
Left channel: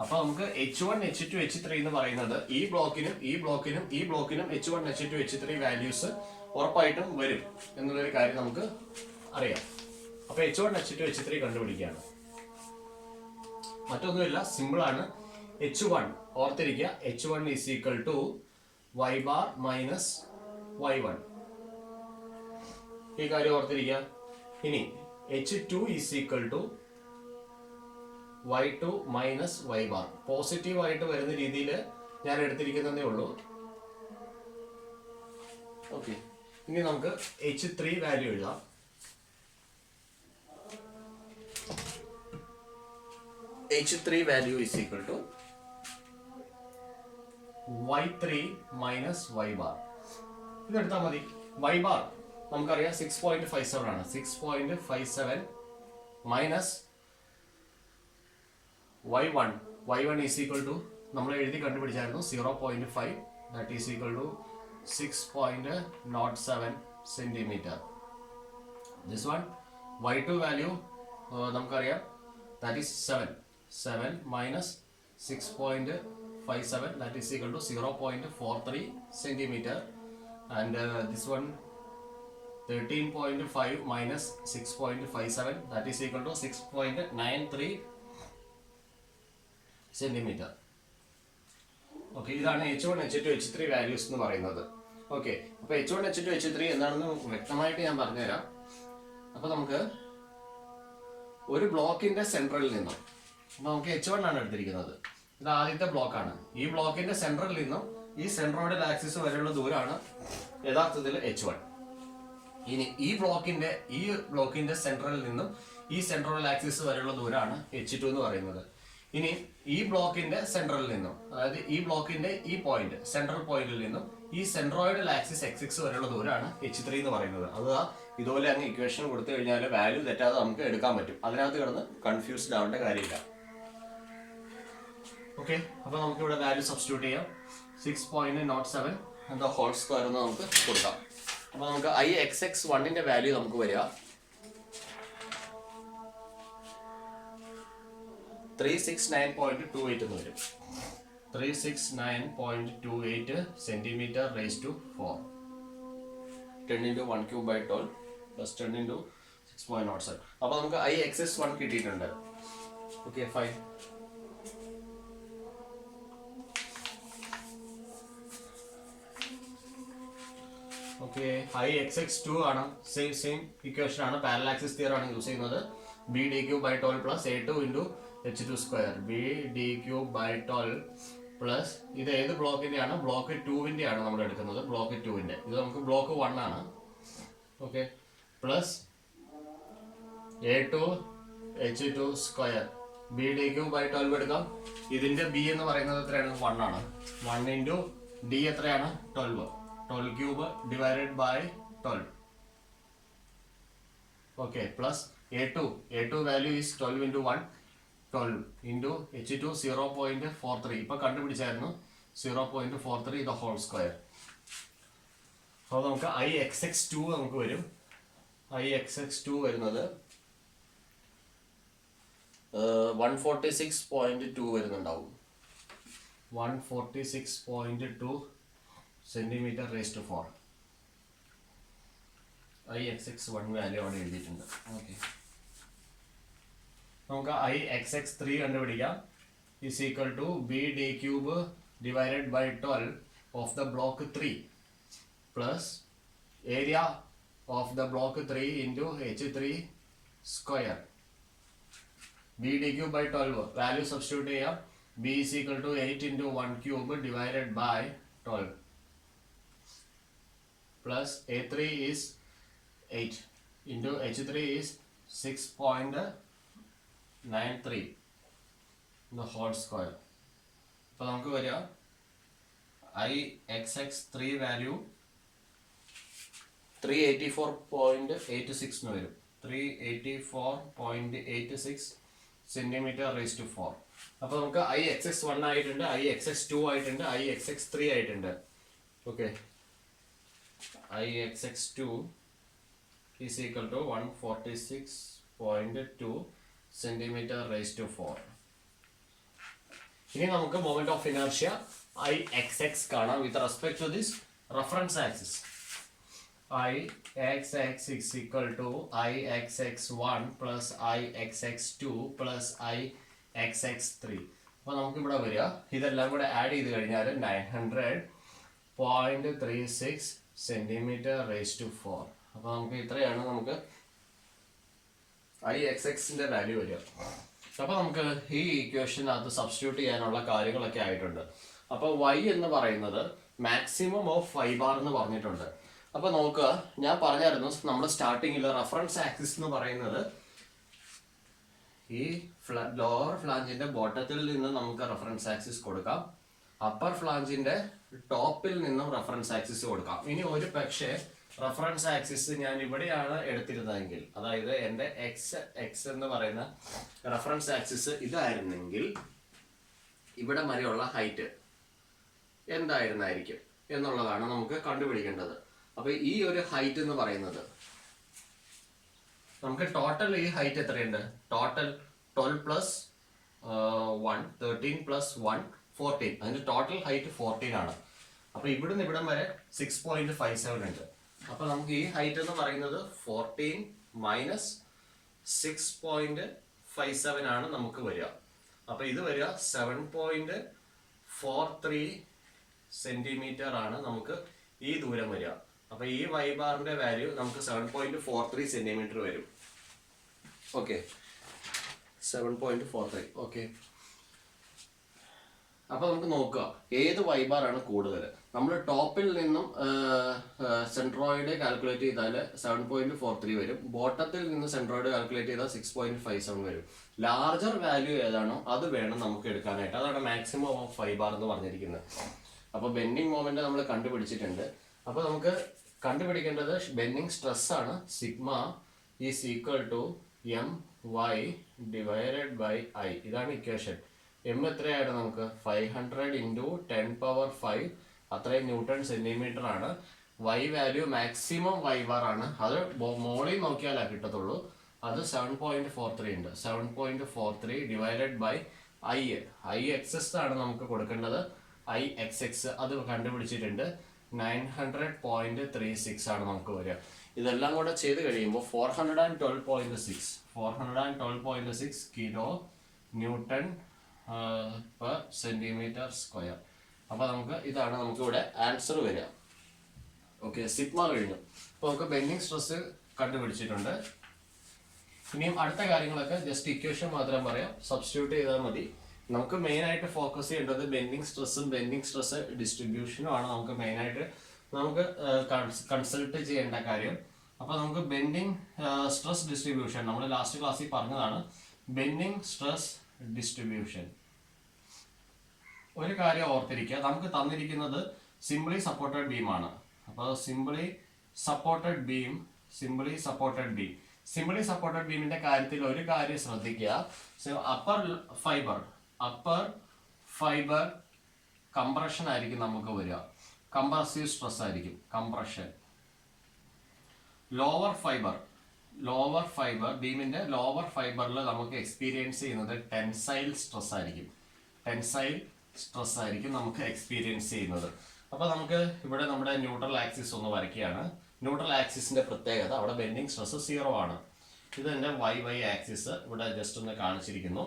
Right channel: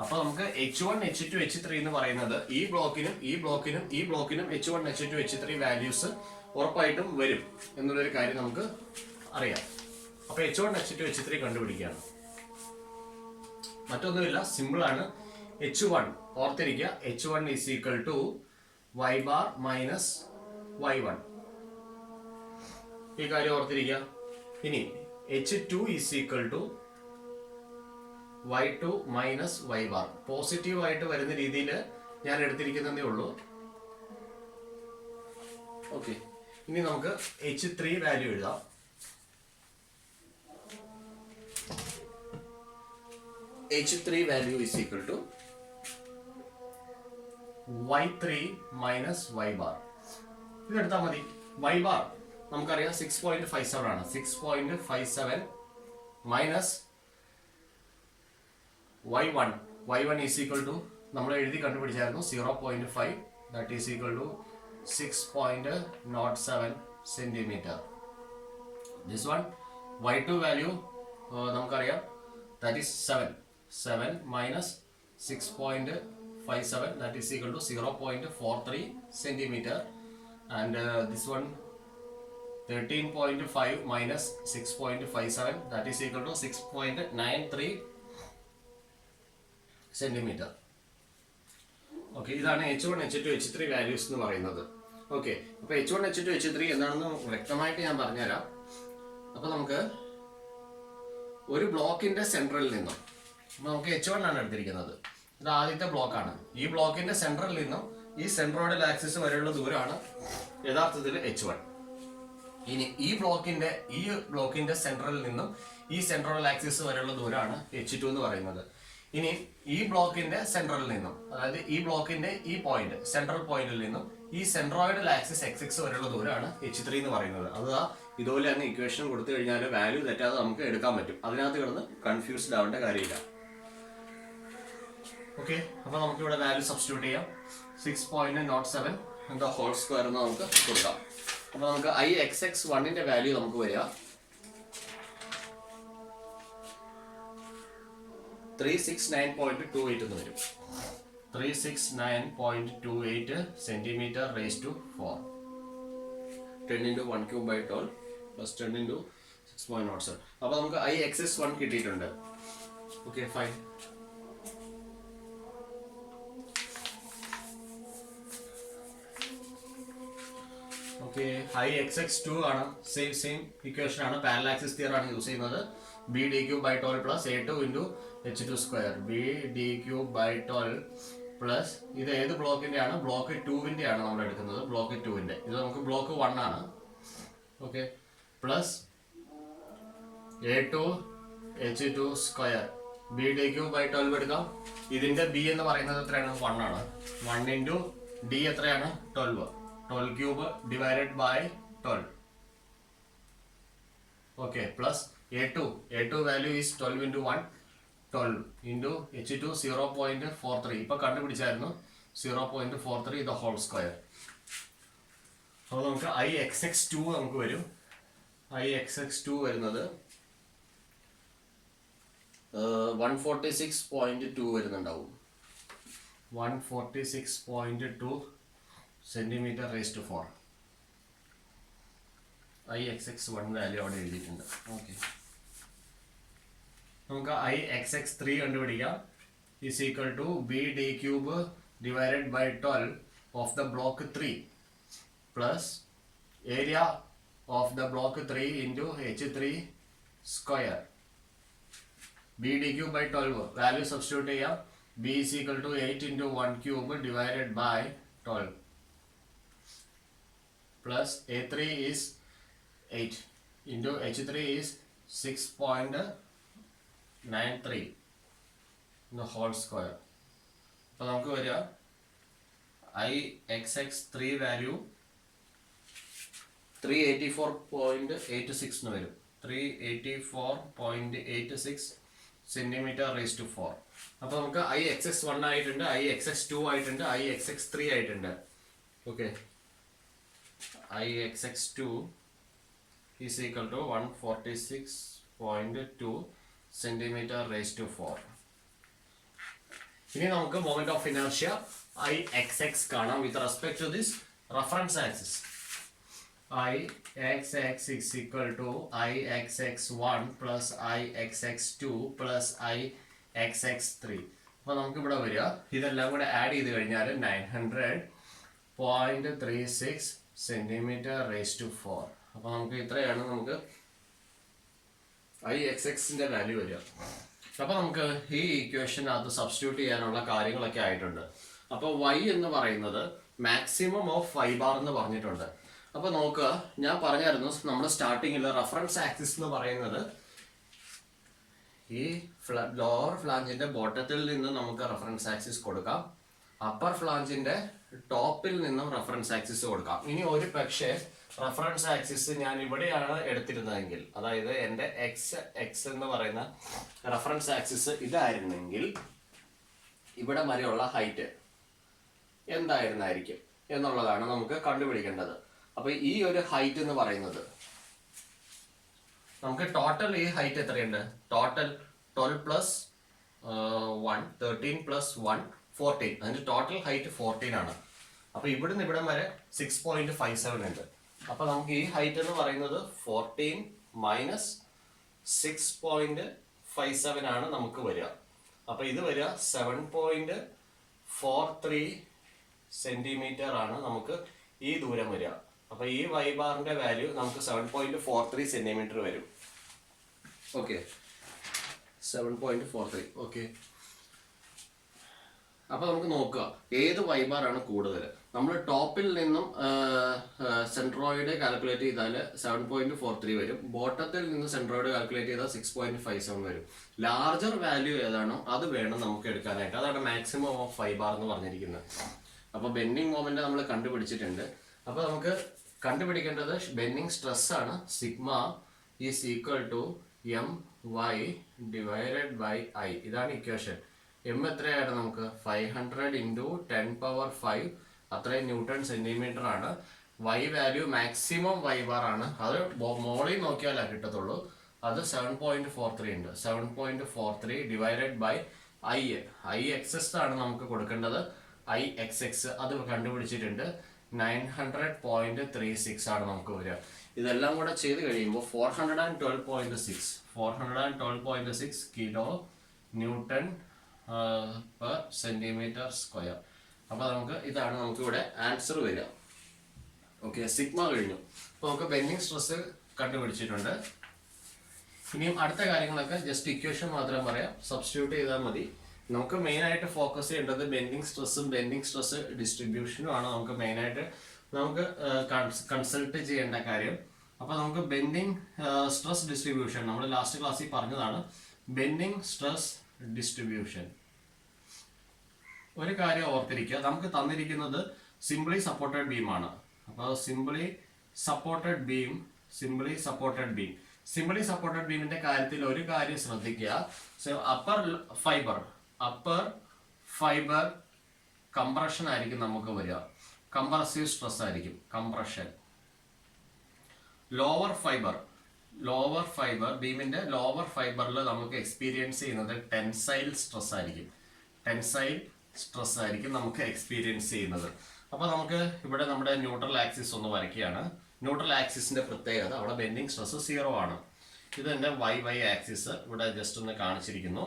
അപ്പോൾ നമുക്ക് H1 H2 H3 എന്ന് പറയുന്നത് ഈ ബ്ലോക്കിനും H1 H2 H3 വാല്യൂസ് ഉറപ്പായിട്ടും വരും എന്നുള്ളൊരു കാര്യം നമുക്ക് അറിയാം. അപ്പോൾ H1 H2 H3 കണ്ടുപിടിക്കുകയാണ്. മറ്റൊന്നുമില്ല, സിമ്പിൾ ആണ്. H1 ഓർത്തിരിക്കുക, H1 is equal to y bar minus y1. ഈ കാര്യം ഓർത്തിരിക്കുക. ഇനി H2 is equal to y2 minus y bar. Positive ആയിട്ട് വരുന്ന രീതിയിൽ ഞാൻ എടുത്തിരിക്കുന്നതേ ഉള്ളൂ. ഓക്കെ, ഇനി നമുക്ക് H3 വാല്യൂ എഴുതാം. H3 value is equal to y3 minus y bar. ഇതെടുത്താൽ മതി. y ബാർ നമുക്കറിയാം 6.57 ആണ്. 6.57 minus y1 is equal to നമ്മൾ എഴുതി കണ്ടുപിടിച്ചായിരുന്നു 0.5. That is equal to 6.07 centimetre. This one y2 value നമുക്കറിയാം, that is 7 minus 6.57 that is equal to 0.43 centimetre. And this one 13.5 minus 6.57 that is equal to 6.93 centimetre. Okay, ഇതാണ് H1 H2 H3 values എന്ന് പറയുന്നത്. Okay, അപ്പോൾ H1 H2 H3 എന്താണെന്ന് വ്യക്തമായിട്ട് ഞാൻ പറഞ്ഞുതരാം. അപ്പോൾ നമുക്ക് ഒരു ബ്ലോക്കിന്റെ സെൻട്രലിൽ നിന്നും നമുക്ക് H1 ആണ് എടുത്തിരിക്കുന്നത്. ഇത് ആദ്യത്തെ ബ്ലോക്കാണ്. ഈ ബ്ലോക്കിന്റെ സെൻട്രലിൽ നിന്നും ഈ സെൻട്രോയിഡൽ ആക്സിസ് വരെയുള്ള ദൂരമാണ് യഥാർത്ഥത്തിൽ H1. ഇനി ഈ ബ്ലോക്കിന്റെ സെൻട്രലിൽ നിന്നും ഈ സെൻട്രോയിഡൽ ആക്സിസ് വരെയുള്ള ദൂരമാണ് H2 എന്ന് പറയുന്നത്. ഇനി ഈ ബ്ലോക്കിന്റെ സെൻട്രലിൽ നിന്നും, അതായത് ഈ ബ്ലോക്കിന്റെ ഈ പോയിന്റ് സെൻട്രൽ പോയിന്റിൽ നിന്നും ഈ സെൻട്രോയിഡൽ ആക്സിസ് XX വരെയുള്ള ദൂരമാണ് H3 എന്ന് പറയുന്നത്. അത് ഇതുപോലെ തന്നെ ഇക്വേഷൻ കൊടുത്തു കഴിഞ്ഞാൽ വാല്യൂ തെറ്റാതെ നമുക്ക് എടുക്കാൻ പറ്റും. അതിനകത്ത് കിടന്ന് കൺഫ്യൂസ്ഡ് ആവേണ്ട കാര്യമില്ല. ഓക്കെ, അപ്പോൾ നമുക്ക് ഇവിടെ വാല്യൂ സബ്സ്റ്റിറ്റ്യൂട്ട് ചെയ്യാം. 6.07 എന്താ ഹോൾ സ്ക്വയർ എന്ന് നമുക്ക് കൊടുക്കാം. അപ്പോൾ നമുക്ക് IXX1ന്റെ വാല്യൂ നമുക്ക് വരിക 369.28 എന്ന് വരും. 369.28 centimetre raise to 4. 10 into 1 cube by 12 plus 10 into 6.07. അപ്പോൾ നമുക്ക് IXX1 കിട്ടിയിട്ടുണ്ട്. Okay fine. ഓക്കെ IXX2 ആണ് സെയിം ഇക്വേഷൻ ആണ്. പാരലൽ ആക്സിസ് തിയറി ആണ് യൂസ് ചെയ്യുന്നത്. B d cube by 12 plus A2 into H2 square. B d cube by 12 plus ഇത് ഏത് ബ്ലോക്കിന്റെ ആണ്? ബ്ലോക്ക് 2-ന്റെ ആണ് നമ്മൾ എടുക്കുന്നത്. ബ്ലോക്ക് 2-ന്റെ ഇത് നമുക്ക് ബ്ലോക്ക് 1 ആണ്. Okay plus A2 H2 square. B d cube by 12 എടുക്കാം. ഇതിന്റെ B എന്ന് പറയുന്നത് എത്രയാണ്? 1 ആണ്. 1 into D എത്രയാണ്? 12. 12 cube divided by 12. Okay, plus A2 value is 12 into 1. 12 into H2 0.43. ഇപ്പോൾ കണ്ടുപിടിച്ചായിരുന്നു 0.43 the whole square. അപ്പോൾ നമുക്ക് IXX2 നമുക്ക് വരും. IXX2 വരുന്നത് 146.2 വരുന്നുണ്ടാവും. 146.2 സെന്റിമീറ്റർ റേസ്റ്റ് 4. IXX1 വാല്യൂ അവിടെ എഴുതിയിട്ടുണ്ട്. ഓക്കെ നമുക്ക് IXX3 കണ്ടുപിടിക്കാം. is equal to B d cube divided by 12 of the block 3 plus area of the block 3 into H3 square. B d cube by 12 value substitute ചെയ്യാം. B is equal to 8 into 1 cube divided by 12 plus A3 is 8 into H3 is 6.93 the whole square. അപ്പോൾ നമുക്ക് വരിക IXX3 value 384.86 എന്ന് വരും. 384.86 centimetre raise to 4. അപ്പോൾ നമുക്ക് IXX1 ആയിട്ടുണ്ട്, IXX2 ആയിട്ടുണ്ട്, IXX3 ആയിട്ടുണ്ട്. Okay IXX2 is equal to 146.2 centimeter raised to 4. ഇനി നമുക്ക് moment of inertia IXX കാണാം with respect to this reference axis. IXX is equal to IXX1 plus IXX2 plus IXX3. അപ്പോൾ നമുക്ക് ഇവിടെ വരിക ഇതെല്ലാം കൂടെ ആഡ് ചെയ്ത് കഴിഞ്ഞാൽ 900.36 സെന്റിമീറ്റർ റേസ് ടു 4. അപ്പോൾ നമുക്ക് ഇത്രയാണ് നമുക്ക് IXXന്റെ വാല്യൂ വരിക. അപ്പോൾ നമുക്ക് ഈ ഇക്വേഷനകത്ത് സബ്സ്റ്റിറ്റ്യൂട്ട് ചെയ്യാനുള്ള കാര്യങ്ങളൊക്കെ ആയിട്ടുണ്ട്. അപ്പോൾ Y എന്ന് പറയുന്നത് മാക്സിമം ഓഫ് ഫൈ ബാർ എന്ന് പറഞ്ഞിട്ടുണ്ട്. അപ്പോൾ നോക്കുക, ഞാൻ പറഞ്ഞായിരുന്നു നമ്മൾ സ്റ്റാർട്ടിങ്ങിൽ റെഫറൻസ് ആക്സിസ് എന്ന് പറയുന്നത് ഈ ലോവർ ഫ്ലാഞ്ചിന്റെ ബോട്ടത്തിൽ നിന്ന് നമുക്ക് റെഫറൻസ് ആക്സിസ് കൊടുക്കാം, അപ്പർ ഫ്ലാഞ്ചിന്റെ ടോപ്പിൽ നിന്നും റെഫറൻസ് ആക്സിസ് കൊടുക്കാം. ഇനി ഒരു പക്ഷേ റെഫറൻസ് ആക്സിസ് ഞാൻ ഇവിടെയാണ് എടുത്തിരുന്നതെങ്കിൽ, അതായത് എൻ്റെ എക്സ് എന്ന് പറയുന്ന റെഫറൻസ് ആക്സിസ് ഇതായിരുന്നെങ്കിൽ ഇവിടെ വരെയുള്ള ഹൈറ്റ് എന്തായിരുന്നായിരിക്കും എന്നുള്ളതാണ് നമുക്ക് കണ്ടുപിടിക്കേണ്ടത്. അപ്പൊ ഈ ഒരു ഹൈറ്റ് എന്ന് പറയുന്നത് നമുക്ക് ടോട്ടൽ ഈ ഹൈറ്റ് എത്രയുണ്ട്? Total 12 plus 1 13 plus 1 14. അതിന്റെ ടോട്ടൽ ഹൈറ്റ് 14 ആണ്. അപ്പൊ ഇവിടുന്ന് ഇവിടം വരെ 6.57 ഉണ്ട്. അപ്പൊ നമുക്ക് ഈ ഹൈറ്റ് എന്ന് പറയുന്നത് 14 മൈനസ് 6.57 ആണ് നമുക്ക് വരിക. അപ്പൊ ഇത് വരിക 7.43 സെന്റിമീറ്റർ ആണ് നമുക്ക് ഈ ദൂരം വരിക. അപ്പൊ ഈ വൈ ബാറിന്റെ വാല്യൂ നമുക്ക് 7.43 സെന്റിമീറ്റർ വരും. ഓക്കെ 7.43. ഓക്കെ അപ്പൊ നമുക്ക് നോക്കുക ഏത് വൈ ബാർ ആണ് കൂടുതൽ. നമ്മൾ ടോപ്പിൽ നിന്നും സെൻട്രോയിഡ് കാൽക്കുലേറ്റ് ചെയ്താൽ 7.43 വരും, ബോട്ടത്തിൽ നിന്ന് സെൻട്രോയിഡ് കാൽക്കുലേറ്റ് ചെയ്താൽ 6.57 വരും. ലാർജർ വാല്യൂ ഏതാണോ അത് വേണം നമുക്ക് എടുക്കാനായിട്ട്. അതാണ് മാക്സിമം ഓഫ് ഫൈ ബാർ എന്ന് പറഞ്ഞിരിക്കുന്നത്. അപ്പോൾ ബെൻഡിങ് മൊമെന്റ് നമ്മൾ കണ്ടുപിടിച്ചിട്ടുണ്ട്. അപ്പോൾ നമുക്ക് കണ്ടുപിടിക്കേണ്ടത് ബെൻഡിങ് സ്ട്രെസ് ആണ്. Sigma is equal to MY divided by I. ഇതാണ് ഇക്വേഷൻ. എം എത്രയാണ് നമുക്ക്? 500 into 10 power 5 അത്രയും ന്യൂട്ടൺ സെന്റിമീറ്റർ ആണ്. Y value maximum Y bar ആണ്. അത് മോളിൽ നോക്കിയാലേ കിട്ടത്തുള്ളൂ. അത് 7.43 ഉണ്ട്. 7.43 ഡിവൈഡഡ് ബൈ IXS ആണ് നമുക്ക് കൊടുക്കേണ്ടത്. IXX അത് കണ്ടുപിടിച്ചിട്ടുണ്ട്. 900.36 ആണ് നമുക്ക് വരിക. ഇതെല്ലാം കൂടെ ചെയ്ത് കഴിയുമ്പോൾ 412.6 kilo newton per centimetre square. അപ്പൊ നമുക്ക് ഇതാണ് നമുക്ക് ഇവിടെ ആൻസർ വരിക. ഓക്കെ, സിഗ്മ കഴിഞ്ഞു. അപ്പൊ നമുക്ക് ബെൻഡിങ് സ്ട്രെസ് കണ്ടുപിടിച്ചിട്ടുണ്ട്. ഇനിയും അടുത്ത കാര്യങ്ങളൊക്കെ ജസ്റ്റ് ഇക്വേഷൻ മാത്രം പറയാം, സബ്സ്റ്റിറ്റ്യൂട്ട് ചെയ്താൽ മതി. നമുക്ക് മെയിൻ ആയിട്ട് ഫോക്കസ് ചെയ്യേണ്ടത് ബെൻഡിങ് സ്ട്രെസ്സും ബെൻഡിങ് സ്ട്രെസ് ഡിസ്ട്രിബ്യൂഷനും ആണ് നമുക്ക് മെയിൻ ആയിട്ട് നമുക്ക് കൺസൾട്ട് ചെയ്യേണ്ട കാര്യം. അപ്പൊ നമുക്ക് ബെൻഡിങ് സ്ട്രെസ് ഡിസ്ട്രിബ്യൂഷൻ നമ്മൾ ലാസ്റ്റ് ക്ലാസ്സിൽ പറഞ്ഞതാണ്. ബെൻഡിങ് സ്ട്രെസ് ഡിസ്ട്രിബ്യൂഷൻ ഒരു കാര്യം ഓർത്തിരിക്കുക, നമുക്ക് തന്നിരിക്കുന്നത് സിംപ്ലി സപ്പോർട്ടഡ് ബീം ആണ്. അപ്പോൾ സിംപ്ലി സപ്പോർട്ടഡ് ബീമിന്റെ കാര്യത്തിൽ ഒരു കാര്യം ശ്രദ്ധിക്കുക. അപ്പർ ഫൈബർ കംപ്രഷൻ ആയിരിക്കും നമുക്ക് വരിക, കംപ്രസീവ് സ്ട്രെസ് ആയിരിക്കും കംപ്രഷൻ. ലോവർ ഫൈബർ ബീമിന്റെ ലോവർ ഫൈബറിൽ നമുക്ക് എക്സ്പീരിയൻസ് ചെയ്യുന്നത് ടെൻസൈൽ സ്ട്രെസ് ആയിരിക്കും നമുക്ക് എക്സ്പീരിയൻസ് ചെയ്യുന്നത്. അപ്പൊ നമുക്ക് ഇവിടെ നമ്മുടെ ന്യൂട്രൽ ആക്സിസ് ഒന്ന് വരയ്ക്കുകയാണ്. ന്യൂട്രൽ ആക്സിസിന്റെ പ്രത്യേകത അവിടെ ബെൻഡിങ് സ്ട്രെസ് 0 ആണ്. ഇത് എന്റെ വൈ ആക്സിസ് ഇവിടെ ജസ്റ്റ് ഒന്ന് കാണിച്ചിരിക്കുന്നു.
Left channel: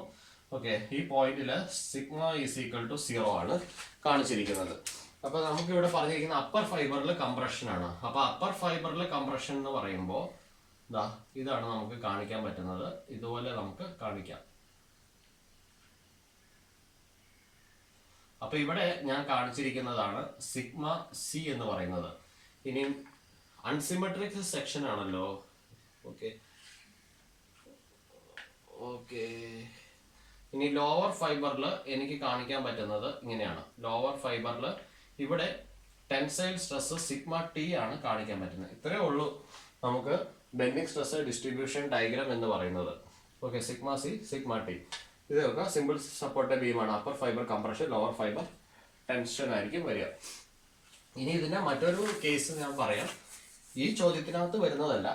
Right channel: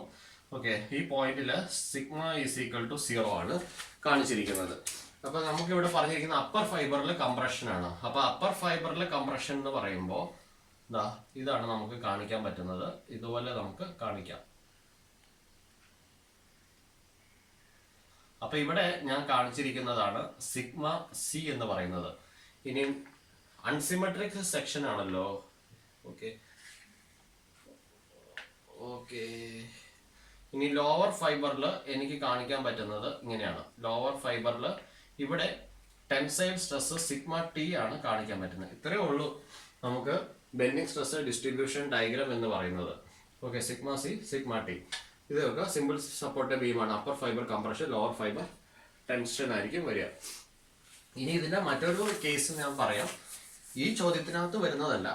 ഓക്കെ, ഈ പോയിന്റിൽ സിഗ്മ ഈസ് ഈക്വൽ ടു 0 ആണ് കാണിച്ചിരിക്കുന്നത്. അപ്പൊ നമുക്ക് ഇവിടെ പറഞ്ഞിരിക്കുന്ന അപ്പർ ഫൈബറിൽ കംപ്രഷൻ ആണ്. അപ്പൊ അപ്പർ ഫൈബറിൽ കംപ്രഷൻ എന്ന് പറയുമ്പോൾ ഇതാണ് നമുക്ക് കാണിക്കാൻ പറ്റുന്നത്. ഇതുപോലെ നമുക്ക് കാണിക്കാം. അപ്പൊ ഇവിടെ ഞാൻ കാണിച്ചിരിക്കുന്നതാണ് സിഗ്മ സി എന്ന് പറയുന്നത്. ഇനി അൺസിമെട്രിക് സെക്ഷൻ ആണല്ലോ. ഓക്കെ, ഇനി ലോവർ ഫൈബറിൽ എനിക്ക് കാണിക്കാൻ പറ്റുന്നത് ഇങ്ങനെയാണ്. ലോവർ ഫൈബറിൽ ഇവിടെ ടെൻസൈൽ സ്ട്രെസ് സിഗ്മ ടി ആണ് കാണിക്കാൻ പറ്റുന്നത്. ഇത്രയേ ഉള്ളൂ നമുക്ക് ബെൻഡിങ് സ്ട്രെസ് ഡിസ്ട്രിബ്യൂഷൻ ഡയഗ്രാം എന്ന് പറയുന്നത്. Okay, sigma C sigma T ഇതൊക്കെ സിമ്പിൾ സപ്പോർട്ടഡ് ബീമാണ്. Upper fibre compression, lower fibre tension ആയിരിക്കും വരിക. ഇനി ഇതിന്റെ മറ്റൊരു കേസ് ഞാൻ പറയാം. ഈ ചോദ്യത്തിനകത്ത് വരുന്നതല്ല.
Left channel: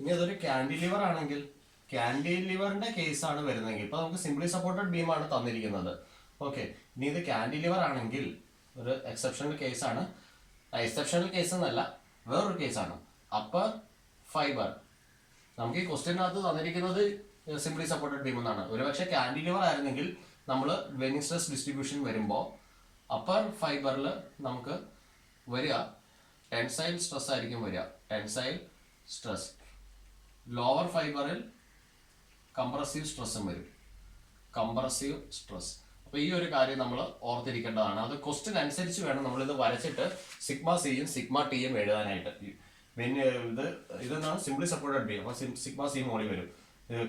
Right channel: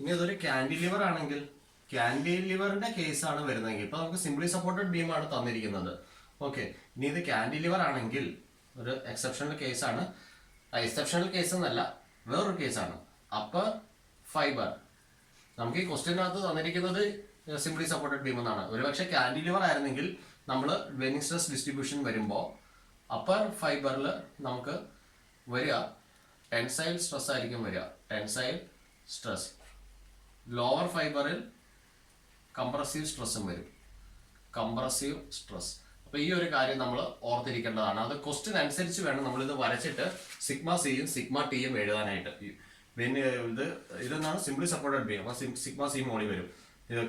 ഇനി ഇതൊരു ക്യാൻഡിലിവർ ആണെങ്കിൽ, ക്യാൻഡിലിവറിന്റെ കേസാണ് വരുന്നതെങ്കിൽ, ഇപ്പൊ നമുക്ക് സിംപ്ലി സപ്പോർട്ടഡ് ബീമാണ് തന്നിരിക്കുന്നത്. ഓക്കെ, ഇനി ഇത് ക്യാൻഡിലിവർ ആണെങ്കിൽ ഒരു എക്സെപ്ഷണൽ കേസാണ്. എക്സെപ്ഷണൽ കേസ് എന്നല്ല, വേറൊരു കേസാണ്. അപ്പർ ഫൈബർ നമുക്ക് ഈ ക്വസ്റ്റ്യനകത്ത് തന്നിരിക്കുന്നത് സിംപ്ലി സപ്പോർട്ടഡ് ബീം എന്നാണ്. ഒരുപക്ഷെ ക്യാൻഡിലിവർ ആയിരുന്നെങ്കിൽ നമ്മൾ ബെൻഡിങ് സ്ട്രെസ് ഡിസ്ട്രിബ്യൂഷൻ വരുമ്പോൾ അപ്പർ ഫൈബറിൽ നമുക്ക് വരിക ടെൻസൈൽ സ്ട്രെസ് ആയിരിക്കും വരിക, ടെൻസൈൽ സ്ട്രെസ്. ലോവർ ഫൈബറിൽ കംപ്രസീവ് സ്ട്രെസ്സും വരും, കംപ്രസീവ് സ്ട്രെസ്. അപ്പൊ ഈ ഒരു കാര്യം നമ്മൾ ഓർത്തിരിക്കേണ്ടതാണ്. അത് ക്വസ്റ്റ്യൻ അനുസരിച്ച് വേണം നമ്മളിത് വരച്ചിട്ട് സിഗ്മ സിയും സിഗ്മ ടിയും എഴുതാനായിട്ട്. ഇതെന്നാണ് സിംപ്ലി സപ്പോർട്ടഡ് ബീം. അപ്പൊ സിഗ്മ സി മോളി വരും.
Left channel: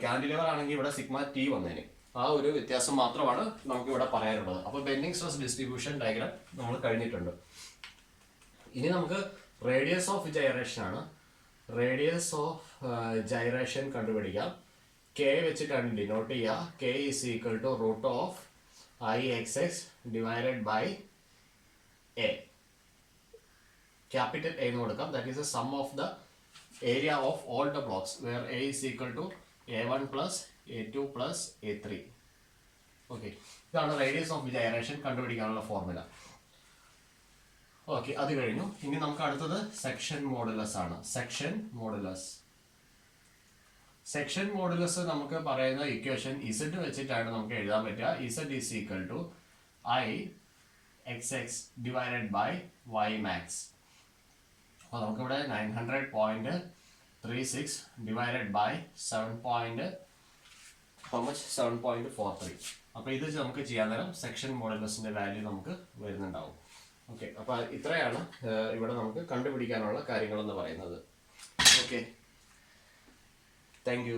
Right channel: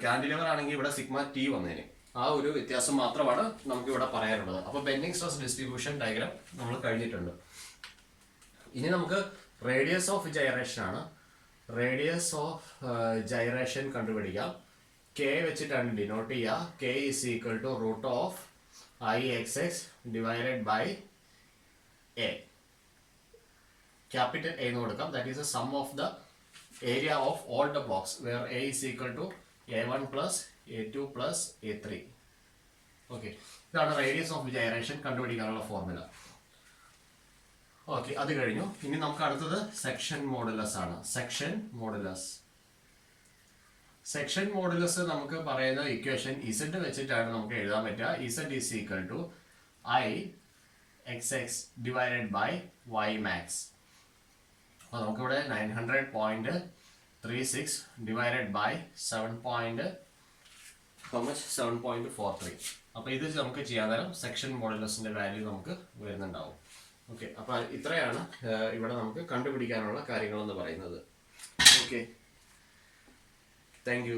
ക്യാൻഡിലിവർ ആണെങ്കിൽ ഇവിടെ സിഗ്മ ടി വന്നേനെ. ആ ഒരു വ്യത്യാസം മാത്രമാണ് നമുക്ക് ഇവിടെ പറയാനുള്ളത്. അപ്പൊ ബെൻഡിങ് സ്ട്രെസ് ഡിസ്ട്രിബ്യൂഷൻ ഡയഗ്രാം നമ്മൾ കഴിഞ്ഞിട്ടുണ്ട്. ഇനി നമുക്ക് റേഡിയസ് ഓഫ് ജൈറേഷൻ ആണ്. റേഡിയസ് ഓഫ് ജൈറേഷൻ കണ്ടുപിടിക്കാം. കെ വെച്ചിട്ടാണ് ഡിനോട്ട് ചെയ്യുക. K is equal to root of IXX divided by A. Capital A എന്ന് കൊടുക്കാം. That is A sum of the area of all the blocks where A is equal to A1 plus A2 plus A3. Okay, ഇതാണ് radius of gyration കണ്ടുപിടിക്കാനുള്ള formula. Okay, അത് കഴിഞ്ഞു. ഇനി നമുക്ക് അടുത്തത് section modulus ആണ്. സെക്ഷൻ മോഡുലസ് നമുക്ക് പറയുന്ന ഇക്വേഷൻ Z വെച്ചിട്ടാണ് നമുക്ക് എഴുതാൻ പറ്റുക. Z is equal to IXX divided by Y max. അപ്പോൾ നമുക്കിവിടെ 900.36 divided by 7.43. അപ്പോൾ ഇത് നമുക്ക് ചെയ്യാൻ നേരം സെക്ഷൻ മോഡുലസിന്റെ വാല്യൂ നമുക്ക് വരുന്നുണ്ടാവും. ഓക്കെ, അപ്പോൾ ഇത്രയാണ് ഇവിടെ നമുക്ക് കണ്ടുപിടിക്കാനുള്ള കാര്യങ്ങൾ എന്ന് പറയുന്നത്. Okay, thank you.